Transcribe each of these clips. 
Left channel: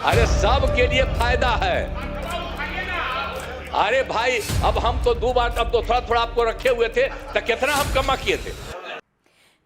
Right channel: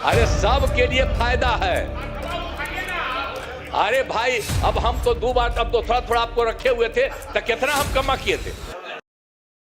अरे सब के लिए फायदा है। अरे भाई अब हम तो दो बार अब तो थोड़ा थोड़ा आपको रखे हुए थे तो कितना हम कमा किए थे।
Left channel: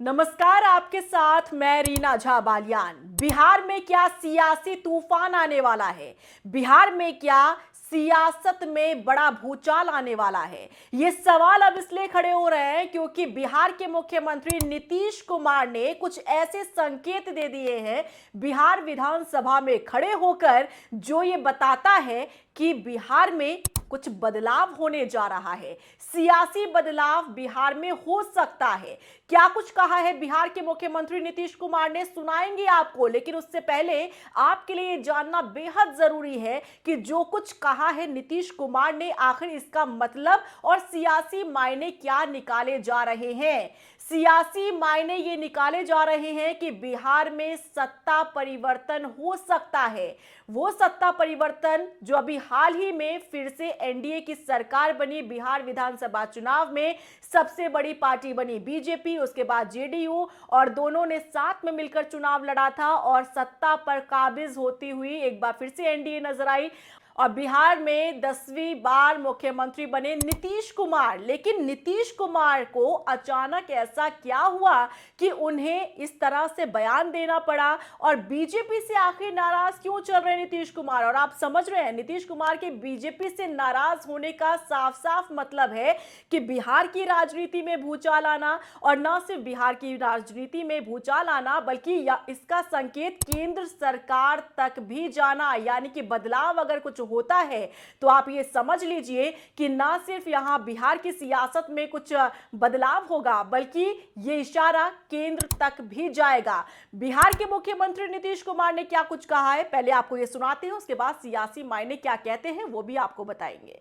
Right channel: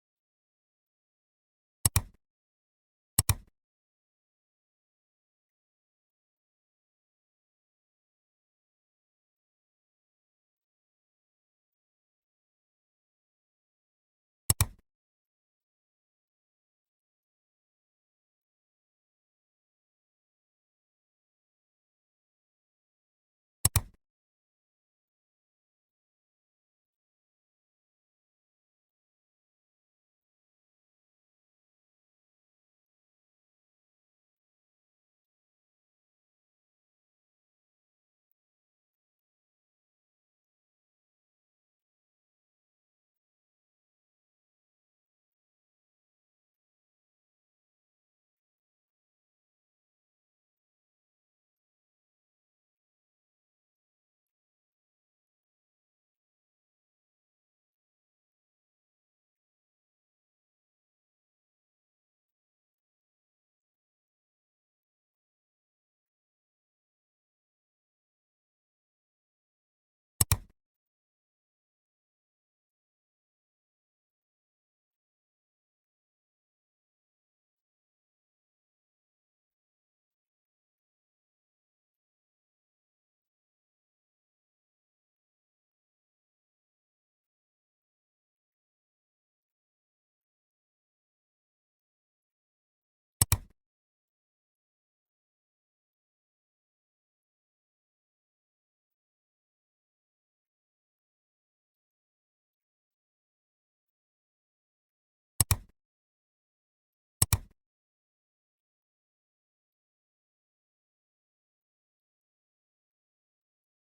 नमस्कार, आपके साथ मैं रीना झा बालियान। बिहार में क्या सियासी तूफान आने वाला है? बिहार में क्या सियासत में बड़ा भूचाल आने वाला है? ये सवाल अब इसलिए खड़े हो रहे हैं क्योंकि बिहार के मुख्यमंत्री नीतीश कुमार ने कुछ ऐसे संकेत दे दिए हैं बिहार विधानसभा में खड़े होकर, जो ये बताता है कि बिहार में कुछ बदलाव होने जा रहा है। सियासी बदलाव बिहार में हो सकता है। क्या कुछ कहा है बिहार के मुख्यमंत्री नीतीश कुमार ने, सुनाएंगे आपको, लेकिन उससे पहले आपके लिए जानना बेहद जरूरी है कि जो कुछ कहा है नीतीश कुमार ने, आखिर इसका मतलब और सियासी मायने क्या निकाले जा रहे हैं। सियासी मायने ये निकाले जा रहे हैं कि बिहार में सत्ता परिवर्तन हो सकता है। वो सत्ता परिवर्तन जो अभी हाल ही में फिर से एनडीए की सरकार बनी, बिहार विधानसभा चुनाव में सबसे बड़ी पार्टी बनी बीजेपी, उसके बाद जेडीयू, और दोनों ने साथ में मिलकर चुनाव लड़ा था और सत्ता पर काबिज होती हुई एक बार फिर से एनडीए नजर आई और बिहार में 10वीं बार मुख्यमंत्री बने नीतीश कुमार। लेकिन नीतीश कुमार को अचानक ऐसा क्या हुआ कि उन्हें इस तरह से बयान देना पड़ा और बीजेपी से आखिर नाराज क्यों चल रहे हैं नीतीश कुमार? और आप समझ रहे हैं नीतीश कुमार के बीजेपी से नाराज होने का साफ साफ मतलब है कि बिहार की राजनीति में भूचाल आना, और न सिर्फ बिहार की राजनीति में भूचाल आना बल्कि इसका संकेत केंद्र सरकार तक भी जाना, यानी कि बदलाव अगर कुछ होता है तो आप ये समझ लीजिए कि ना सिर्फ यहां बिहार की सियासत में कुछ बदलाव होगा बल्कि ये इशारा केंद्र तक भी जाएगा। बिहार के मुख्यमंत्री नीतीश कुमार ने क्या कुछ कहा है, पहले आपको ये सुनाते हैं, उसके बाद सियासी मायने क्या कहते हैं वो भी आपको बताएंगे।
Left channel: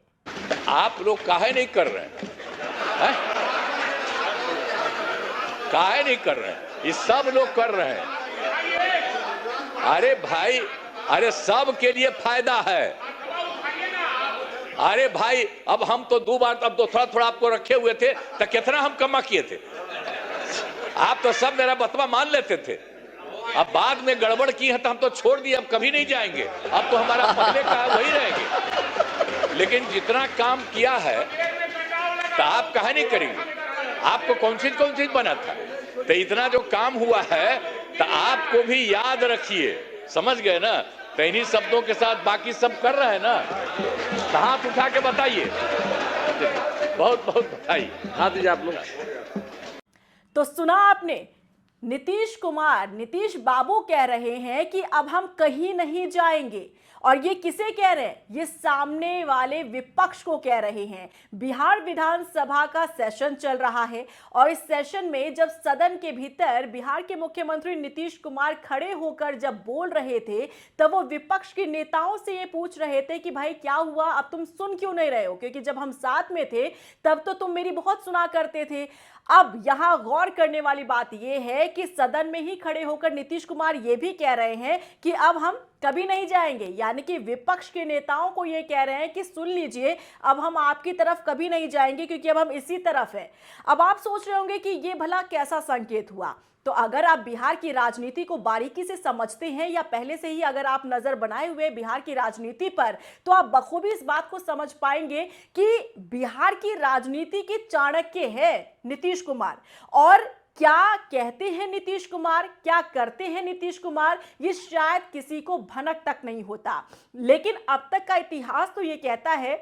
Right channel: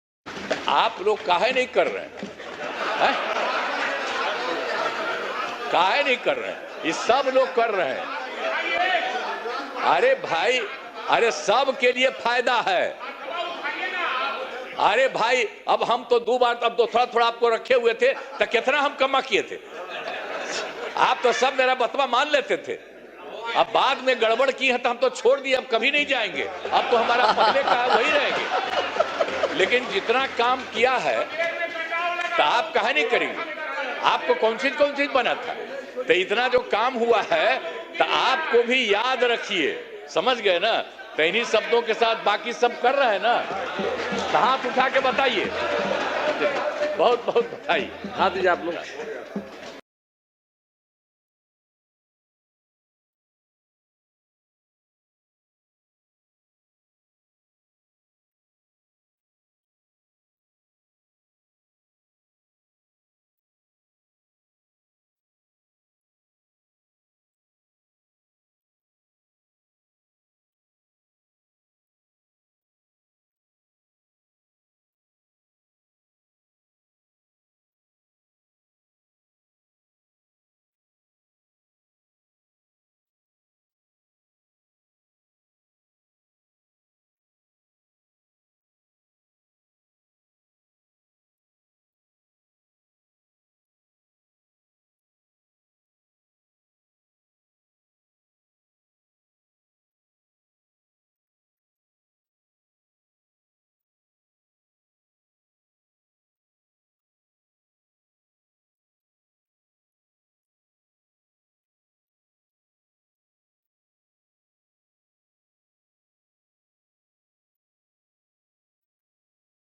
आप लोग काहे नहीं कर रहे हैं? काहे नहीं कर रहे हैं? ये सब लोग कर रहे हैं। अरे भाई, अरे सब के लिए फायदा है। अरे भाई अब हम तो दो बार अब तो थोड़ा थोड़ा आपको रखे हुए थे तो कितना हम कमा किए थे। आप तो सब मेरा बतवा मान लेते थे, अब बाद में गड़बड़ की है तो हम तो छोड़ दिए, अब कभी नहीं जाएंगे, अब तो हमारा पहले का वही रहेंगे। लेकिन जितना काम किया है तो आप कहा नहीं करेंगे? आपको कौन चीज बना था, तो इतना जो काम हुआ है तो आपको भी याद रखिए, समझ गए ना? तो इन्हीं शब्दों के साथ बाकी सब कर रहे हैं ना, तो हाथ उठा के बताइए, बहुत बहुत बधाई, हाथ दीजिए आप लोग। तो सुना आपने, नीतीश कुमार, नीतीश बाबू कह रहे हैं कि अब हम कहीं नहीं जाएंगे। और ये किसे कह रहे हैं? ये सामने वाले विपक्ष को कह रहे हैं। बिहार विधानसभा का सेशन चल रहा है और इस सेशन में जब सदन के भीतर बिहार के मुख्यमंत्री नीतीश कुमार खड़े होकर जब बोल रहे थे तब वो विपक्ष के नेताओं से ये पूछ रहे थे कि भाई क्या हुआ, अब तुम सुन क्यों नहीं रहे हो? क्योंकि जब हम साथ में थे तब तो तुम मेरी बहुत सुना करते थे। अब यहां गौर करने वाली बात यह है कि सदन में ही खड़े होकर नीतीश कुमार यह भी कह रहे हैं कि अब हम कभी नहीं जाएंगे, यानी कि विपक्ष के नेताओं को यह कह रहे हैं कि सुन लीजिए, अब हम आपकी तरफ कभी नहीं जाएंगे क्योंकि अब हम इसी तरफ हैं। अब आप सोच रहे होंगे कि यह भला कैसा संकेत हुआ? तो अगर आप बिहार की राजनीति को बारीकी से समझते हैं या पहले से ही अगर आप नजर बनाए हुए बिहार की राजनीति पर, तो आप बखूबी इस बात को समझ पाएंगे कि बिहार की राजनीति के चाणक्य है नीतीश कुमार। और क्या कहते हैं नीतीश कुमार, क्या करते हैं नीतीश कुमार, ये शायद किसी को भनक तक नहीं होता। लेकिन अब तक का इतिहास तो ये कहता है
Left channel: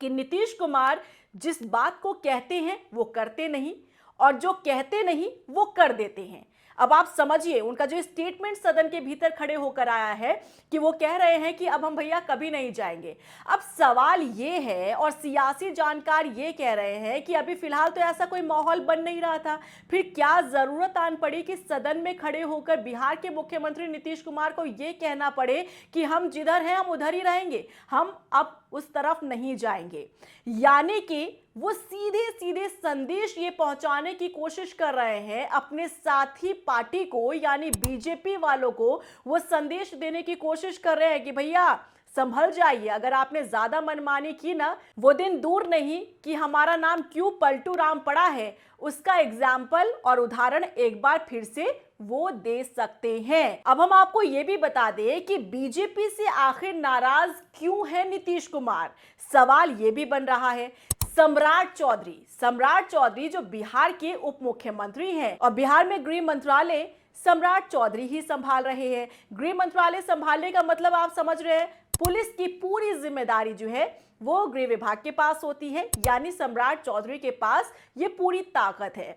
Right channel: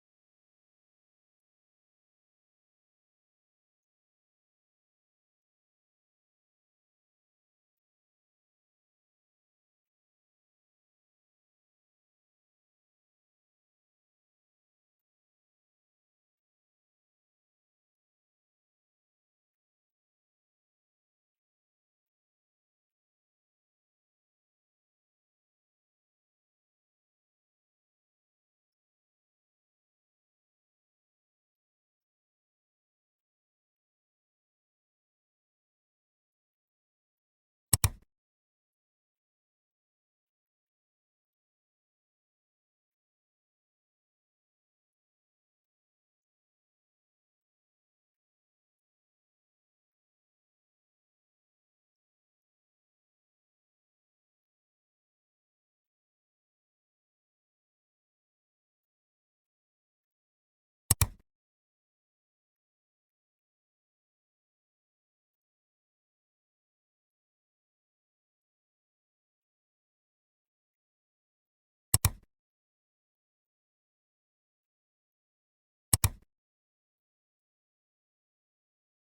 कि नीतीश कुमार जिस बात को कहते हैं वो करते नहीं, और जो कहते नहीं वो कर देते हैं। अब आप समझिए उनका जो स्टेटमेंट सदन के भीतर खड़े होकर आया है कि वो कह रहे हैं कि अब हम भैया कभी नहीं जाएंगे। अब सवाल ये है, और सियासी जानकार ये कह रहे हैं कि अभी फिलहाल तो ऐसा कोई माहौल बन नहीं रहा था, फिर क्या जरूरत आन पड़ी कि सदन में खड़े होकर बिहार के मुख्यमंत्री नीतीश कुमार को ये कहना पड़े कि हम जिधर हैं हम उधर ही रहेंगे, हम अब उस तरफ नहीं जाएंगे। यानी कि वो सीधे सीधे संदेश ये पहुंचाने की कोशिश कर रहे हैं अपने साथी पार्टी को, यानी बीजेपी वालों को वो संदेश देने की कोशिश कर रहे हैं कि भैया संभल जाइए, अगर आपने ज्यादा मनमानी की ना, वो दिन दूर नहीं कि हमारा नाम क्यों पलटू राम पड़ा है उसका एग्जाम्पल और उदाहरण एक बार फिर से वो दे सकते हैं। अब हम आपको ये भी बता दें कि बीजेपी से आखिर नाराज क्यों है नीतीश कुमार। सवाल ये भी बन रहा है। सम्राट चौधरी जो बिहार के उप मुख्यमंत्री हैं और बिहार में गृह मंत्रालय सम्राट चौधरी ही संभाल रहे हैं। गृह मंत्रालय संभालने का मतलब आप समझ रहे हैं, पुलिस की पूरी जिम्मेदारी जो है वो गृह विभाग के पास होती है, यानी सम्राट चौधरी के पास ये पूरी ताकत है।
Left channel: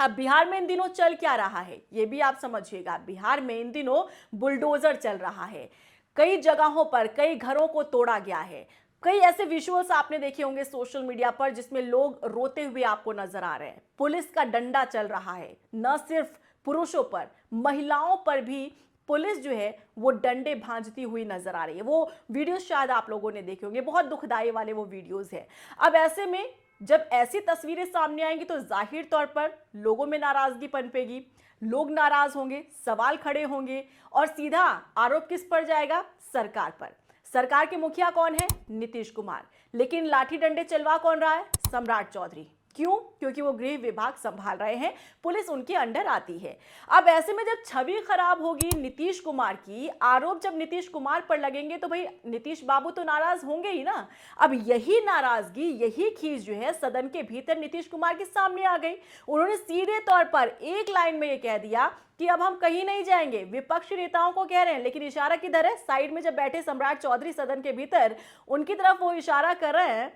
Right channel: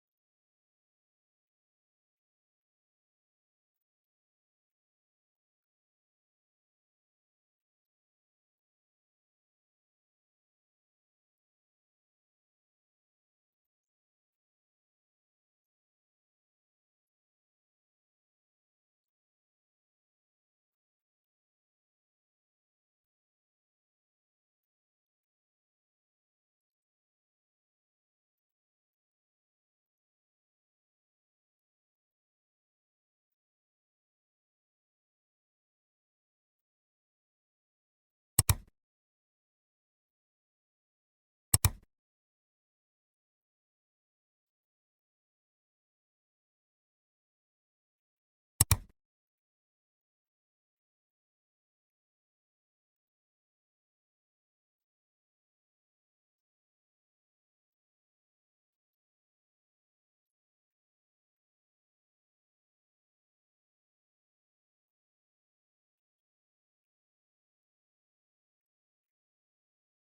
अब बिहार में इन दिनों चल क्या रहा है ये भी आप समझिएगा। बिहार में इन दिनों बुलडोजर चल रहा है। कई जगहों पर कई घरों को तोड़ा गया है। कई ऐसे विजुअल्स आपने देखे होंगे सोशल मीडिया पर जिसमें लोग रोते हुए आपको नजर आ रहे हैं। पुलिस का डंडा चल रहा है, न सिर्फ पुरुषों पर, महिलाओं पर भी पुलिस जो है वो डंडे भांजती हुई नजर आ रही है। वो वीडियोस शायद आप लोगों ने देखे होंगे, बहुत दुखदाई वाले वो वीडियोस हैं। अब ऐसे में जब ऐसी तस्वीरें सामने आएंगी तो जाहिर तौर पर लोगों में नाराजगी पनपेगी, लोग नाराज होंगे, सवाल खड़े होंगे और सीधा आरोप किस पर जाएगा? सरकार पर। सरकार के मुखिया कौन है? नीतीश कुमार। लेकिन लाठी डंडे चलवा कौन रहा है? सम्राट चौधरी। क्यों? क्योंकि वो गृह विभाग संभाल रहे हैं, पुलिस उनके अंडर आती है। अब ऐसे में जब छवि खराब होगी नीतीश कुमार की, आरोप जब नीतीश कुमार पर लगेंगे तो भाई नीतीश बाबू तो नाराज होंगे ही ना। अब यही नाराजगी, यही खींच जो है सदन के भीतर नीतीश कुमार के सामने आ गई। उन्होंने सीधे तौर पर एक लाइन में ये कह दिया कि अब हम कहीं नहीं जाएंगे। विपक्षी नेताओं को कह रहे हैं, लेकिन इशारा किधर है? साइड में जब बैठे सम्राट चौधरी सदन के भीतर, उनकी तरफ वो इशारा कर रहे हैं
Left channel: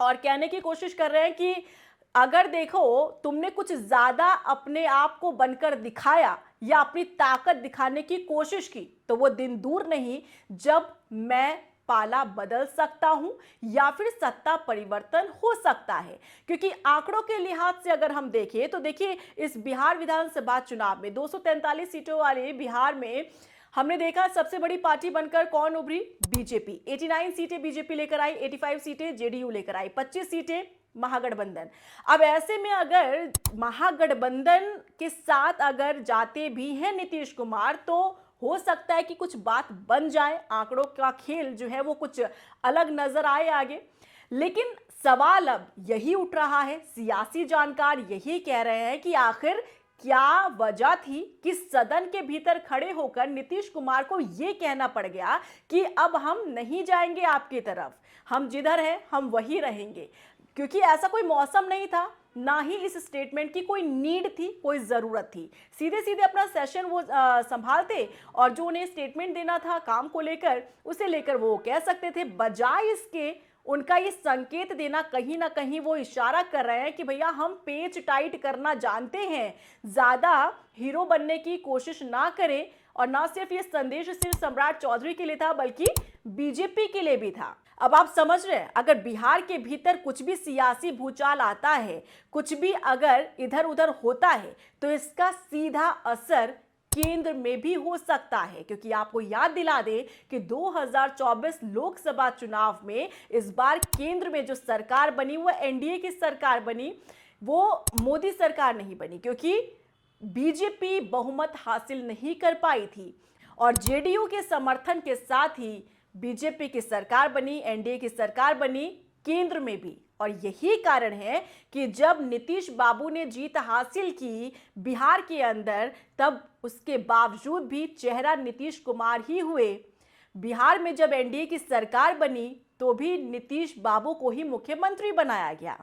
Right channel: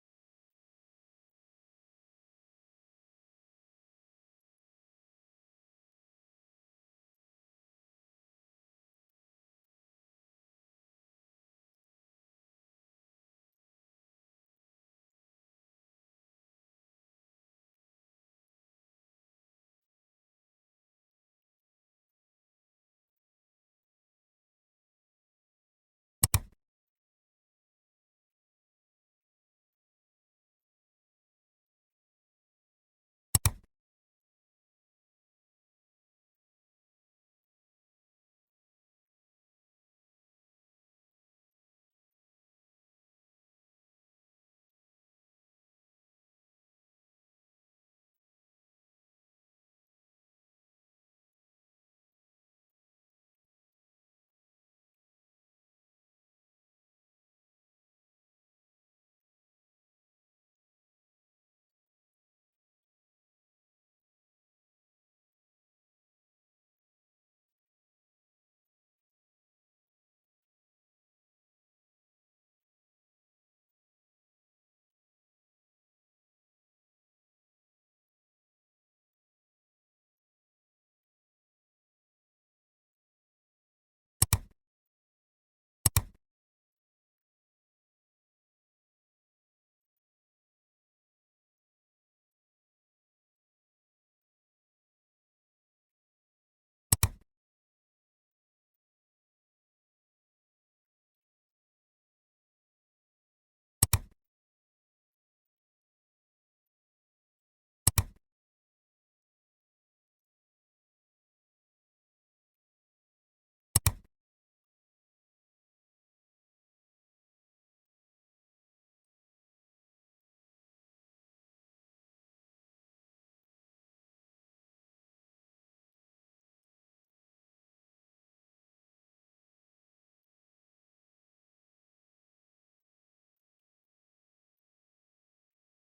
और कहने की कोशिश कर रहे हैं कि अगर देखो तुमने कुछ ज्यादा अपने आप को बनकर दिखाया या अपनी ताकत दिखाने की कोशिश की तो वो दिन दूर नहीं जब मैं पाला बदल सकता हूं या फिर सत्ता परिवर्तन हो सकता है। क्योंकि आंकड़ों के लिहाज से अगर हम देखें तो देखिए इस बिहार विधानसभा चुनाव में 243 सीटों वाले बिहार में हमने देखा सबसे बड़ी पार्टी बनकर कौन उभरी? बीजेपी। 89 सीटें बीजेपी लेकर आई, 85 सीटें जेडीयू लेकर आई, 25 सीटें महागठबंधन। अब ऐसे में अगर महागठबंधन के साथ अगर जाते भी हैं नीतीश कुमार तो हो सकता है कि कुछ बात बन जाए, आंकड़ों का खेल जो है वो कुछ अलग नजर आए आगे। लेकिन सवाल अब यही उठ रहा है, सियासी जानकार यही कह रहे हैं कि आखिर क्या वजह थी कि सदन के भीतर खड़े होकर नीतीश कुमार को यह कहना पड़ गया कि अब हम नहीं जाएंगे आपकी तरफ, हम जिधर हैं हम वही रहेंगे। क्योंकि ऐसा कोई मौसम नहीं था, ना ही इस स्टेटमेंट की कोई नीड थी, कोई जरूरत थी। सीधे सीधे अपना सेशन वो संभालते और जो उन्हें स्टेटमेंट देना था काम को लेकर, उसे लेकर वो कह सकते थे। बजाय इसके उनका ये संकेत देना, कहीं ना कहीं वो इशारा कर रहे हैं कि भैया हम पेच टाइट करना जानते हैं, ज्यादा हीरो बनने की कोशिश ना करें। और ना सिर्फ ये संदेश सिर्फ सम्राट चौधरी के लिए था बल्कि बीजेपी के लिए भी था। अब आप समझ रहे हैं, अगर बिहार के भीतर कुछ भी सियासी भूचाल आता है, कुछ भी अगर इधर उधर होता है तो इसका सीधा असर केंद्र में भी हो सकता है। क्योंकि आपको याद दिला दे कि 2024 लोकसभा चुनाव में इस बार केंद्र में जो सरकार बनी वो एनडीए की सरकार बनी, वो मोदी सरकार नहीं बनी, क्योंकि बीजेपी बहुमत हासिल नहीं कर पाई थी और जेडीयू के समर्थन के साथ ही बीजेपी की सरकार बनी, एनडीए की सरकार बनी केंद्र में भी। और यही कारण है कि जब नीतीश बाबू ने जीत हासिल की बिहार के अंदर, तब उसके बावजूद भी चेहरा नीतीश कुमार ही हुए। बिहार में जब एनडीए की सरकार बनी तो भी नीतीश बाबू को ही मुख्यमंत्री बनाया गया।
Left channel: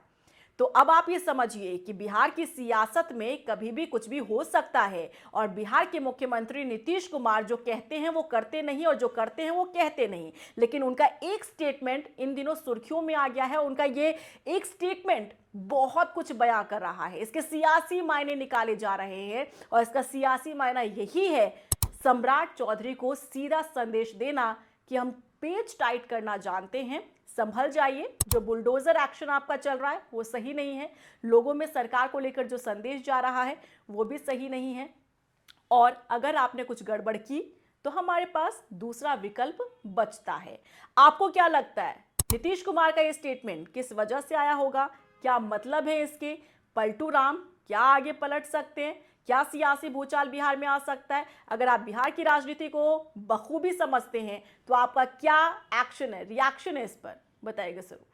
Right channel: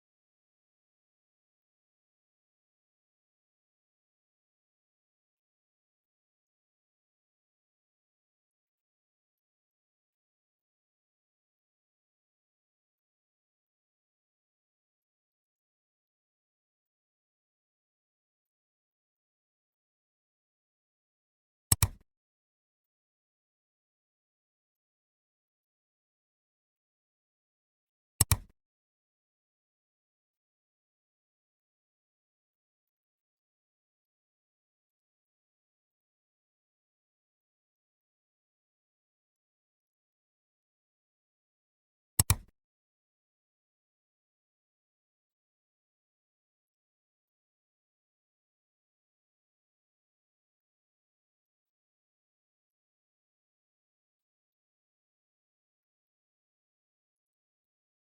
तो अब आप ये समझिए कि बिहार की सियासत में कभी भी कुछ भी हो सकता है और बिहार के मुख्यमंत्री नीतीश कुमार जो कहते हैं वो करते नहीं और जो करते हैं वो कहते नहीं। लेकिन उनका एक स्टेटमेंट इन दिनों सुर्खियों में आ गया है। उनका ये एक स्टेटमेंट बहुत कुछ बयां कर रहा है, इसके सियासी मायने निकाले जा रहे हैं और इसका सियासी मायना यही है, सम्राट चौधरी को सीधा संदेश देना कि हम पेच टाइट करना जानते हैं, संभल जाइए। जो बुलडोजर एक्शन आपका चल रहा है वो सही नहीं है, लोगों में सरकार को लेकर जो संदेश जा रहा है वो भी सही नहीं है। और अगर आपने कुछ गड़बड़ की तो हमारे पास दूसरा विकल्प बचता है। आपको क्या लगता है नीतीश कुमार का ये स्टेटमेंट किस वजह से आया होगा? क्या मतलब है इसके? पलटू राम क्या आगे पलट सकते हैं? क्या सियासी भूचाल बिहार में आ सकता है? अगर आप बिहार की राजनीति को बखूबी समझते हैं तो आपका क्या एक्शन है, रिएक्शन है इस पर, बताइएगा जरूर।